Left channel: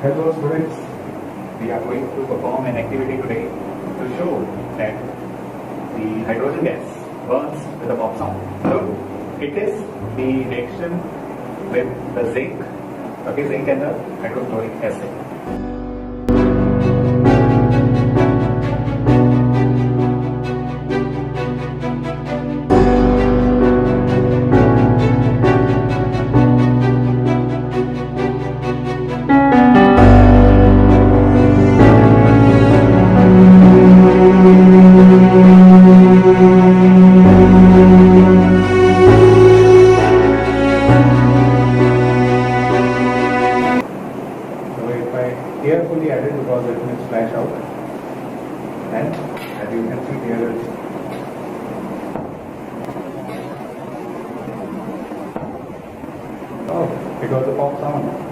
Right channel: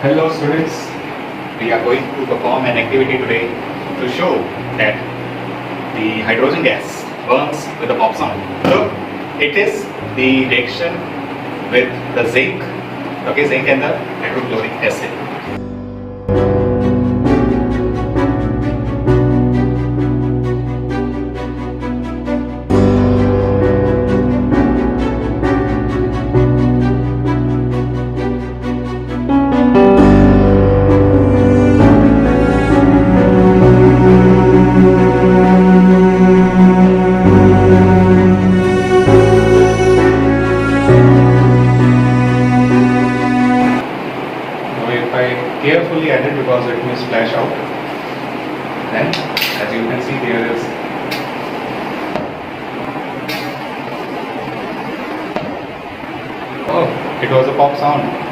Hello students, We are going to perform an activity today to show that the hydrogen gas burns with a pop sound. So it is the reaction with the zinc, okay, zinc and the hydrochloric acid. now if I carefully add it because it may splash out, then as you can see there is oh, it was a pop sound.